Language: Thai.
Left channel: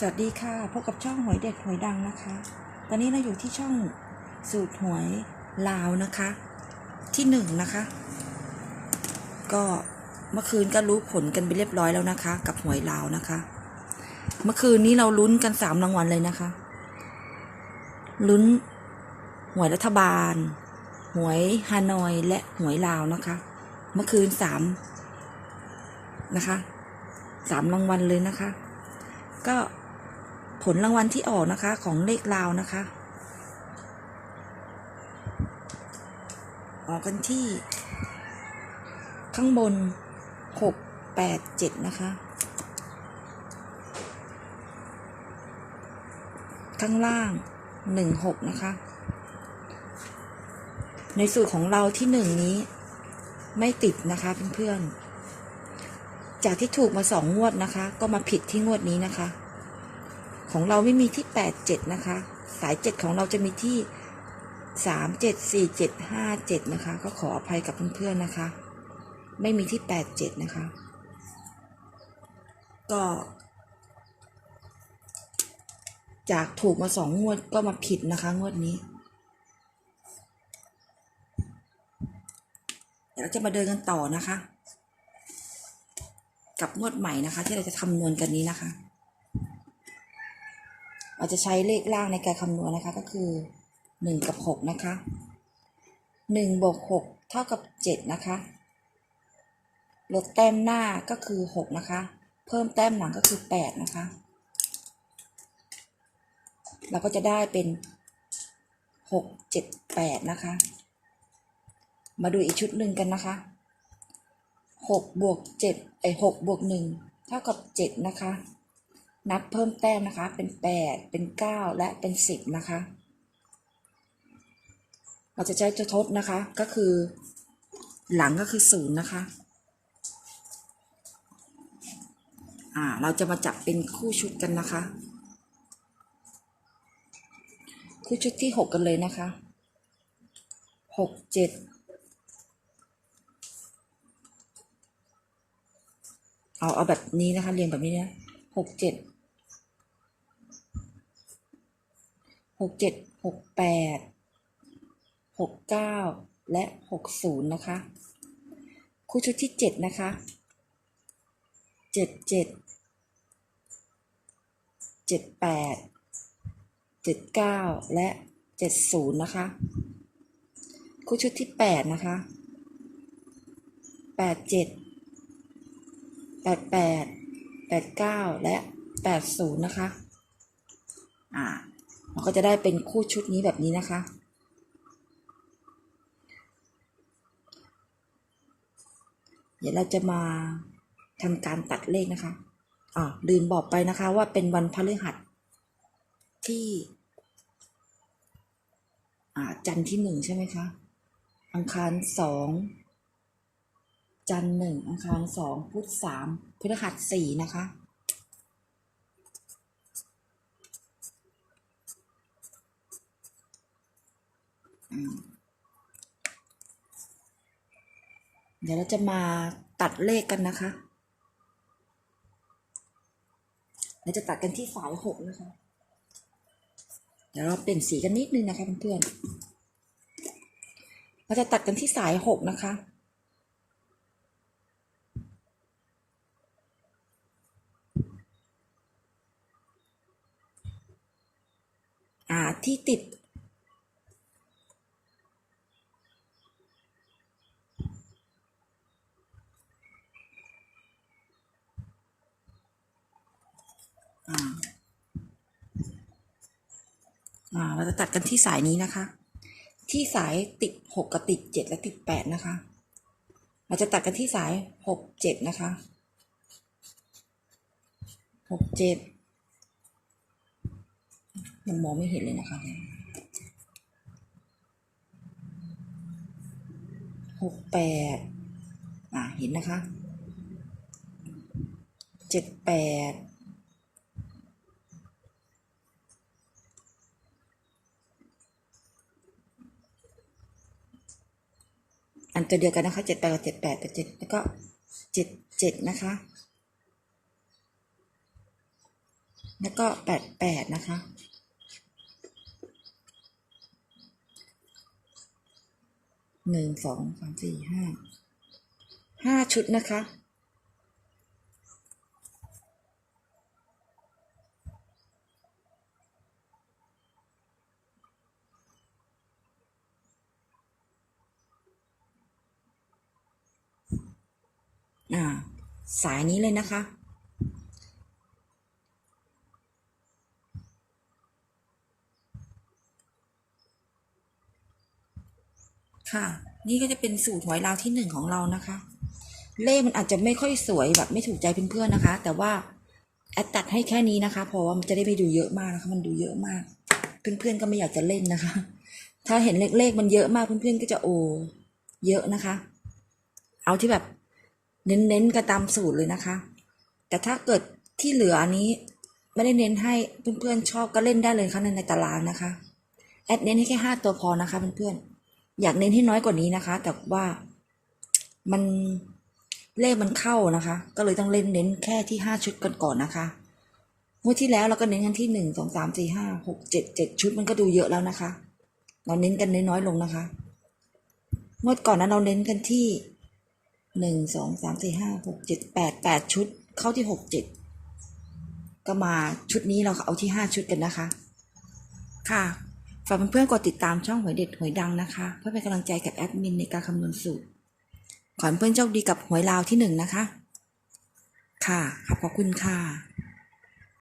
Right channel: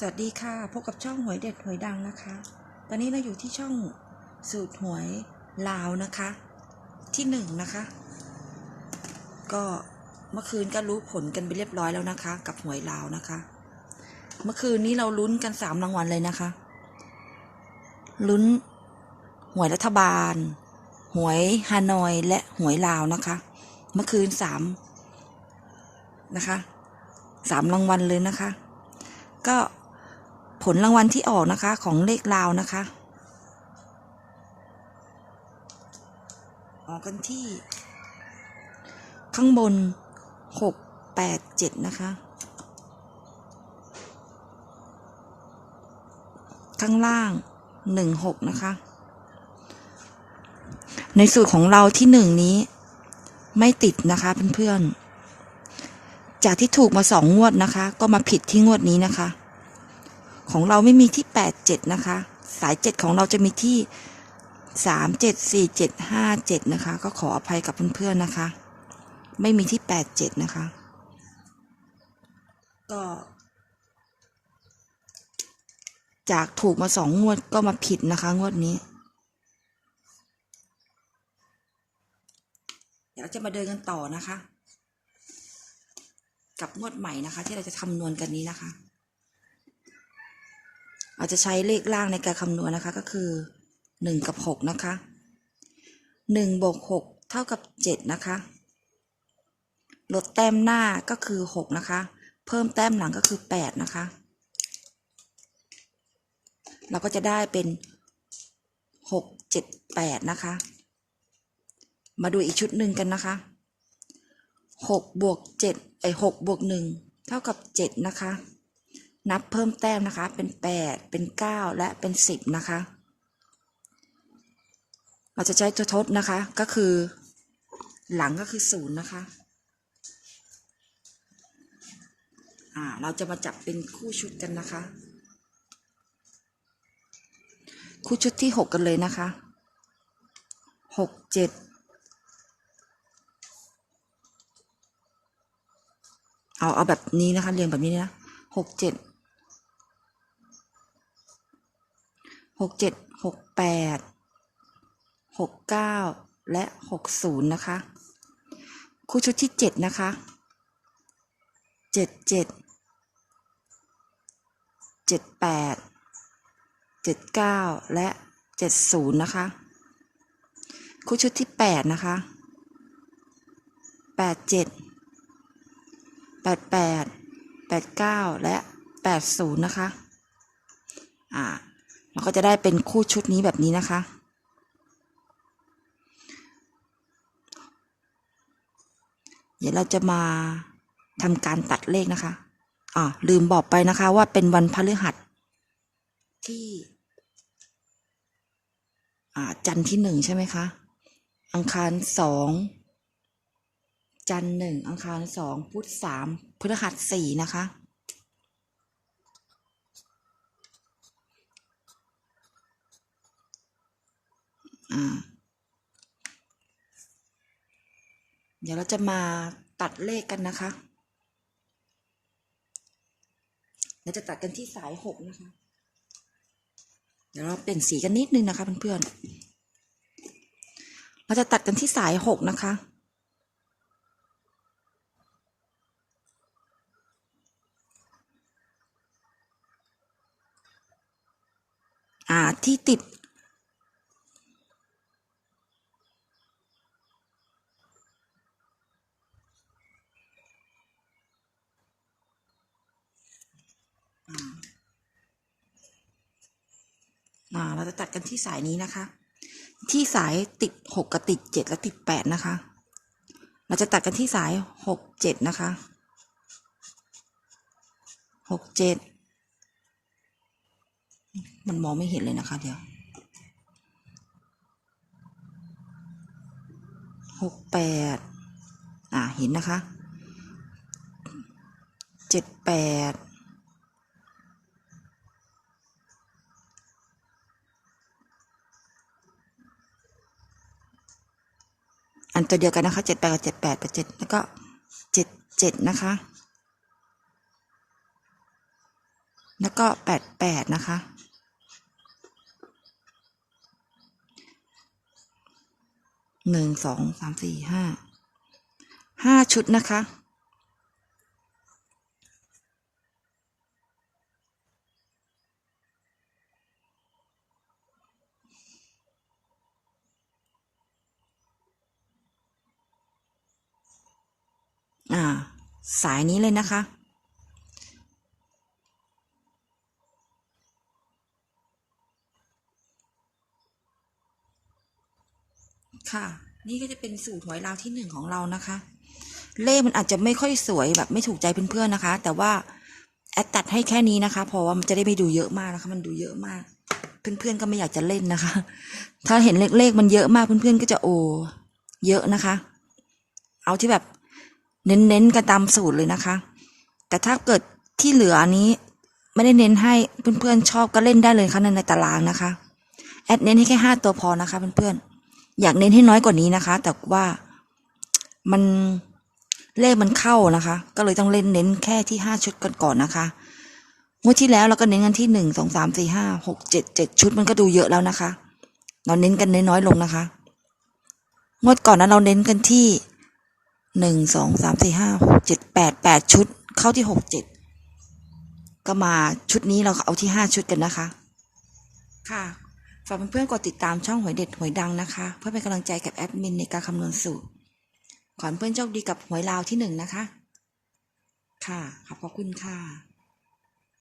สวัสดีค่ะ พบกับช่องหวยเด็ดหวยดังนะคะ ตอนนี้เราอยู่ที่ช่องสูตรหวยลาวนะคะ ที่หนึ่งนะคะ ก็เมื่อคืนก็รู้ผลกันไปเรียบร้อยแล้วนะคะ กับหวยลาวนะคะ เมื่อคืนนี้เราลุ้นกันสามรางวัลเลยนะคะ ลุ้นหวยรัฐบาล หวยฮานอยและหวยลาวนะคะ เมื่อคืนสามนะคะสามรางวัลเลยนะคะ ก็ ผลรางวัลที่ออกนะคะของเลขลาวนะคะ ออกกันที่ ข้างบนหกแปดเจ็ดนะคะ ข้างล่างหนึ่งหกนะคะ ในสูตรของเราที่หนึ่งนี้ไม่ติดนะคะเพื่อนๆจากที่ถูกมาสองงวดนะคะ ก็มาผิดที่งวดนี้นะคะ ของเราไม่มีที่แปดเจ็ดนะคะ สายเจ็ดของเราจะมีที่สามเจ็ดสี่เจ็ดห้าเจ็ดนะคะ ก็ขออภัยกับเพื่อนๆนะคะ ไม่มีที่แปดเจ็ดนะคะ ก็ จากถูกมาสองงวดก็มาผิดนะคะ งวดนี้ เดี๋ยวจะมาเดินกันต่อนะคะ กับงวดใหม่นะคะ ที่เราจะคำนวณกันนี้นะคะ เราจะใช้เลขล่างในการคำนวณนะคะก็คือหนึ่งกับหกนะคะหนึ่งบวกหกเท่ากับเจ็ดนะคะ ลดแต้มหน้าก็คือหกนะคะ เพิ่มแต้มหลังก็คือแปดนะคะ เราก็จะได้เป็นหกเจ็ดแปดนะคะ มาดูอีกชุดหนึ่งกันนะคะหกบวกเจ็ดไอหกบวกหนึ่งเท่ากับเจ็ดนะคะ นับเพิ่มแต้มนะคะ เป็นแปดเป็นเก้าและเป็นสิบนะคะ เราจะใช้ตัวทดนะคะ ก็คือ หลังก็คือศูนย์นะคะ อ่า เราจะมาจับเป็นคู่ชุดกันนะคะ คู่ชุดที่หกกันเลยนะคะหกเจ็ดเอาเอาแบบนี้นะคะ เรียงแบบนี้นะหกเจ็ด หกเจ็ดหกแปดหกเก้าและหกศูนย์นะคะคู่ชุดที่เจ็ดนะคะเจ็ดเจ็ดเจ็ดแปดเจ็ดเก้าและเจ็ดศูนย์นะคะ คู่ชุดที่แปดนะคะแปดเจ็ดแปดแปดแปดเก้าและแปดศูนย์นะคะ ก็จะได้เป็นคู่ชุดนี้แบบนี้นะคะ เดี๋ยวเราจะมาทำการตัดเลขนะคะอ่าลืมบอกไปนะคะว่าเป็นวันพฤหัสที่อ่าจันทร์ที่หนึ่งใช่ไหมคะ อังคารสองจันทร์หนึ่งอังคารสองพุธสามพฤหัสสี่นะคะ เดี๋ยวเราจะมาตัดเลขกันนะคะ เราจะตัดกันที่สายหกนะคะ เดี๋ยวเราเปลี่ยนสีกันนิดนึงนะคะเพื่อนๆ เราจะตัดกันที่สายหกนะคะอ่าที่ติด อ่าเราจะตัดกันที่สายนี้นะคะ ที่สายติดหกกับติดเจ็ดและติดแปดนะคะ เราจะตัดกันที่สายหกเจ็ดนะคะหกเจ็ดมันมองไม่เห็นเลยนะคะ เดี๋ยวหกแปดอ่าเห็นนะคะเจ็ดแปด อันตัวเดียวกันนะคะเจ็ดแปดกับเจ็ดแปดกับเจ็ดแล้วก็เจ็ดเจ็ดนะคะ แล้วก็แปดแปดนะคะหนึ่งสองสามสี่ห้าห้าชุดนะคะ อ่า สายนี้เลยนะคะ ค่ะ นี่ก็จะเป็นสูตรหวยลาวที่หนึ่งของเรานะคะ เลขมันอาจจะไม่ค่อยสวยแบบไม่ถูกใจเพื่อนๆนะคะ แต่ว่าแอดตัดให้แค่นี้นะคะ เพราะว่ามันจะได้ไม่ดูเยอะมากนะคะ มันดูเยอะมาก เพื่อนๆก็ไม่อยากจะเล่นนะคะ ถ้าเห็นเลขๆมันเยอะมากเพื่อนๆก็จะโอ เยอะนะคะ เอาที่แบบ เน้นๆกันตามสูตรเลยนะคะ แต่ถ้าเกิดที่เหลืออนนี้ไม่ได้เน้นให้เพื่อนๆชอบก็เล่นได้เลยค่ะในตารางนะคะ แอดเน้นให้แค่ห้าตัวพอนะคะเพื่อนๆอยากเน้นให้น้อยกว่านี้นะคะ แต่ว่ามันเลขมันเข้านะคะ ก็เลยต้องเล่นเน้นแค่ที่ห้าชุดก่อนก่อนๆนะคะงวดที่แล้วเราก็เน้นกันที่หนึ่งสองสามสี่ห้าหกเจ็ดเจ็ดชุดมันก็ดูเยอะแล้วนะคะ เราเน้นกันน้อยๆลงนะคะ งวดก่อนนั้นเราเน้นกันที่ หนึ่งสองสามสี่ห้าหกเจ็ดแปดแปดชุด เข้าที่หกเจ็ดก็มาชุดนี้เราเอาที่ห้าชุดกันนะคะ ค่ะฝากเพื่อนๆกดติดตามช่องหวยเด็ดหวยดังนะคะ เพื่อเป็นกำลังใจกับแอดมินในการคำนวณสูตรขอให้เพื่อนโชคดีกับหวยลาวที่หนึ่งนะคะ ค่ะขอบคุณค่ะ